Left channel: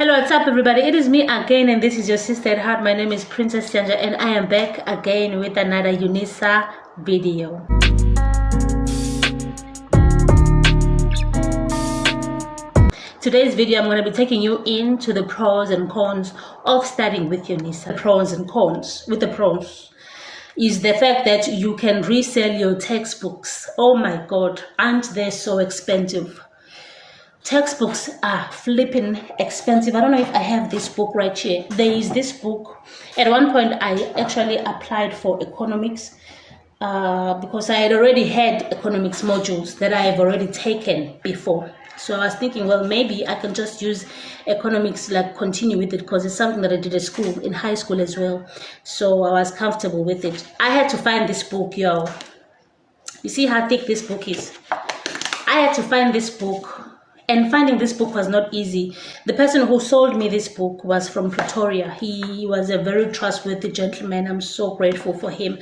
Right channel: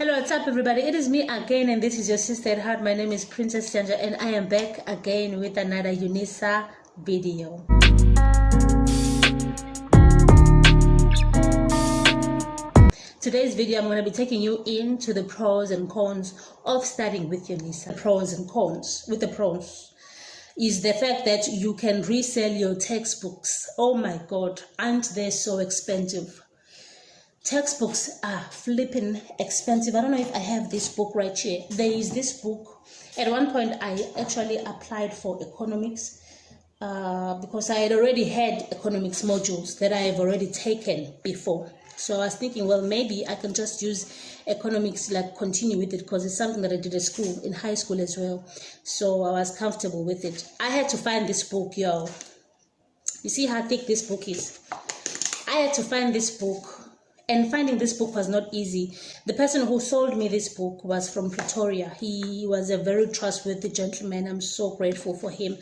Hello, what's up everybody? It is me again and this is your sister at heart. My name is princessyanja and I am back again with another unisa video. Today's video I'm going to be taking you into the pros and cons of studying with unisa. The pros and cons. With the pros is the fact that you can resell your textbooks. Oh my god, aren't they so expensive? Textbooks are flipping expensive. I don't know if I have this book right here. There is this book. At one point I actually applied for economics because I had already had economics modules that I have already taken before. So I was thinking, well, maybe I can just use economics, like continue with it, because it's something that I did at school, in high school as well. So I was comfortable with it. I had to find this book, y'all. You see how thick this book is? I had to find this book. And finding this book was not easy. The person who sold me this book was from Pretoria. He was a very trustworthy gentleman. I'm so grateful for him.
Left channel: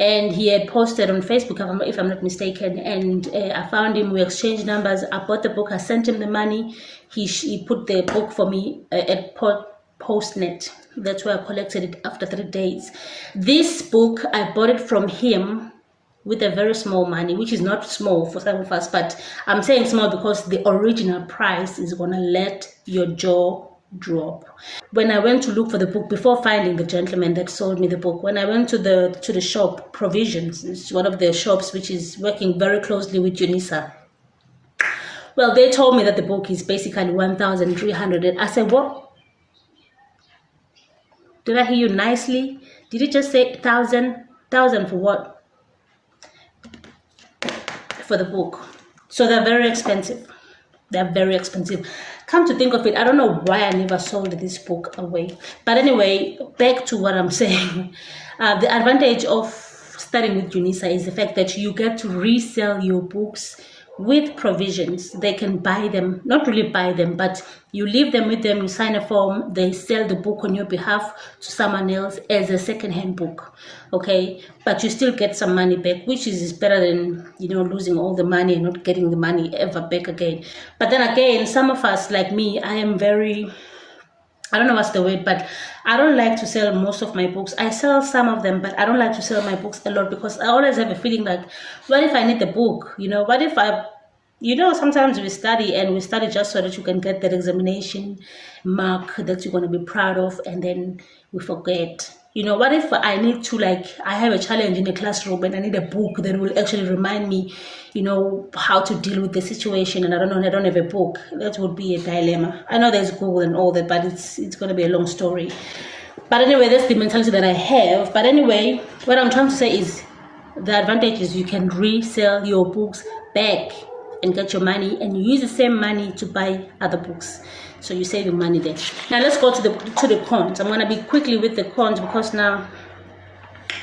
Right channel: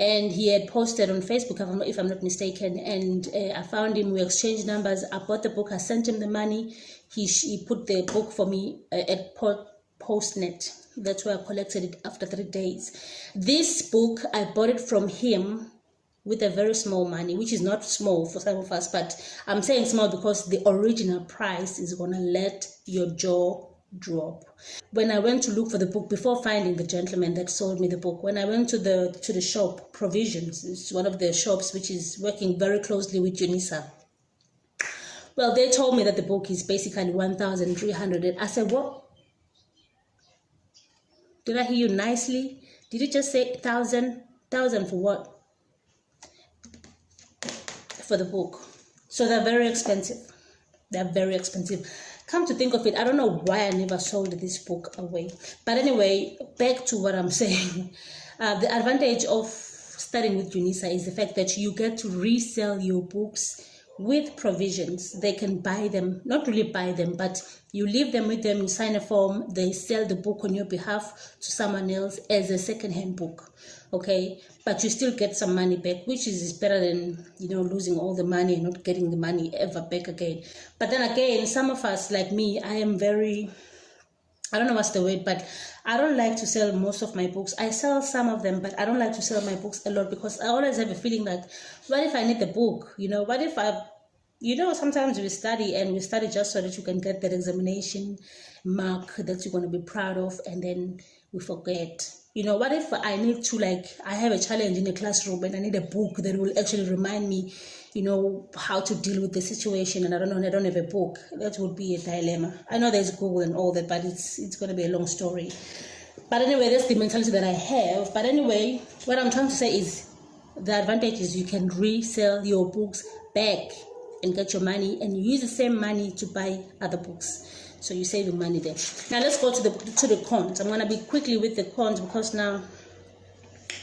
And he had posted on Facebook, if I'm not mistaken. And I found him. We exchanged numbers. I bought the book. I sent him the money. He put the book for me at Postnet. That's where I collected it after 3 days. This book, I bought it from him with a very small money, which is not small for some of us, but I'm saying small because the original price is gonna let your jaw drop. When I went to look for the book, before finding the gentleman that sold me the book, when I went to the shop, Provisions, it's one of the shops which is working very closely with unisa. Well, they told me that the book is basically 1,300, and I said, what? Did I hear you nicely? Did you just say 1,000? 1,000 for what? For the book. So they're very expensive. They're very expensive. Come to think of it, I don't know why I never sold this book away. But anyway, back to what I'm saying. The advantage of studying with unisa is the fact that you get to resell your books with Provisions. They can buy them, not really buy them, but you leave them with them, you sign a form, they sell the book on your behalf to someone else as a second-hand book. Okay, but you still get some money back, which is better than, you know, losing all the money and not getting the money ever back again. But then again, some of us, like me, I am very, I don't know what's the word, but I don't like to sell most of my books. I sell some of them, but I don't like to sell my books a lot because I always have a feeling like, what if I need the book? You know, what if I, you know, sometimes we study just so that you can get that examination mark that you're going to be proud of, and then we forget. You know, what if I need to, like, I have a challenge in the classroom and I need a book that will actually remind me, you know, how to deal with the situation, and I don't have a book. That would be a dilemma. I know there's Google and all that, but it's going to be a long story. But anyway, that's the mentality that I have. But anyway, what I'm trying to say is the advantage is you can resell your books back and get your money, and you use the same money to buy other books. So you're saving money there. Now let's go to the cons. I'm going to be quickly with the cons because now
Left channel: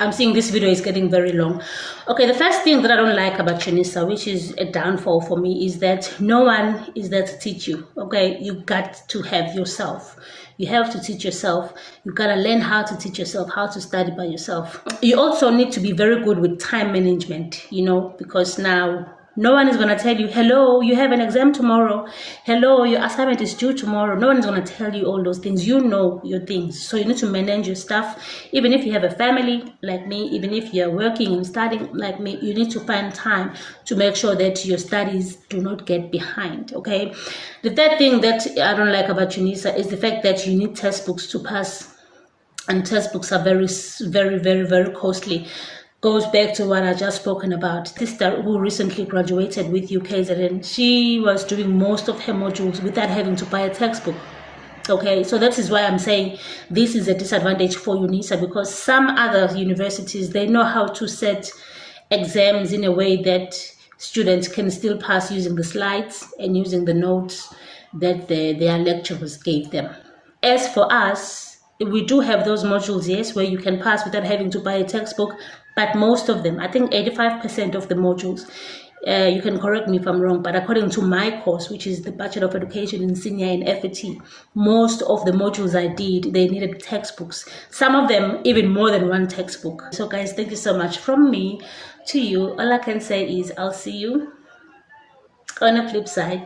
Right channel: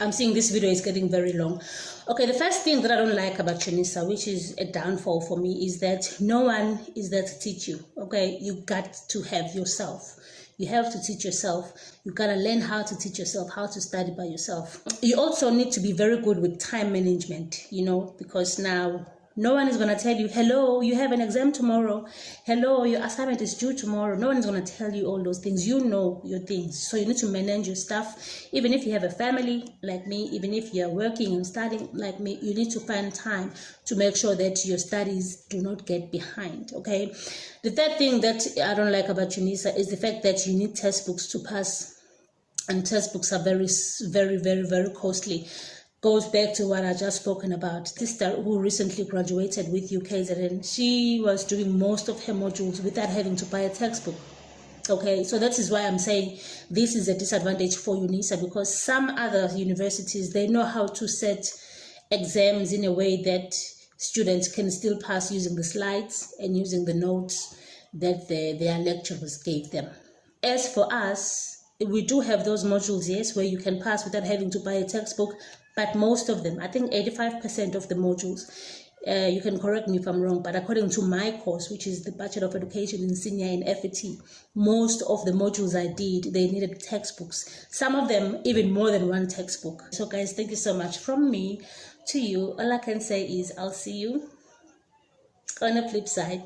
I'm seeing this video is getting very long. Okay, the first thing that I don't like about unisa, which is a downfall for me, is that no one is there to teach you. Okay, you got to have yourself. You have to teach yourself. You gotta learn how to teach yourself, how to study by yourself. You also need to be very good with time management, you know, because now no one is going to tell you, hello, you have an exam tomorrow. Hello, your assignment is due tomorrow. No one is going to tell you all those things. You know your things. So you need to manage your stuff. Even if you have a family like me, even if you're working and studying like me, you need to find time to make sure that your studies do not get behind, okay? The third thing that I don't like about unisa is the fact that you need textbooks to pass. And textbooks are very, very, very, very costly. Goes back to what I just spoken about. Sister who recently graduated with UKZN, she was doing most of her modules without having to buy a textbook. Okay, so that is why I'm saying this is a disadvantage for unisa, because some other universities, they know how to set exams in a way that students can still pass using the slides and using the notes that their lecturers gave them. As for us, we do have those modules, yes, where you can pass without having to buy a textbook. But most of them, I think 85% of the modules, you can correct me if I'm wrong, but according to my course, which is the Bachelor of Education in Senior in FET, most of the modules I did, they needed textbooks. Some of them, even more than one textbook. So guys, thank you so much from me to you. All I can say is I'll see you on the flip side.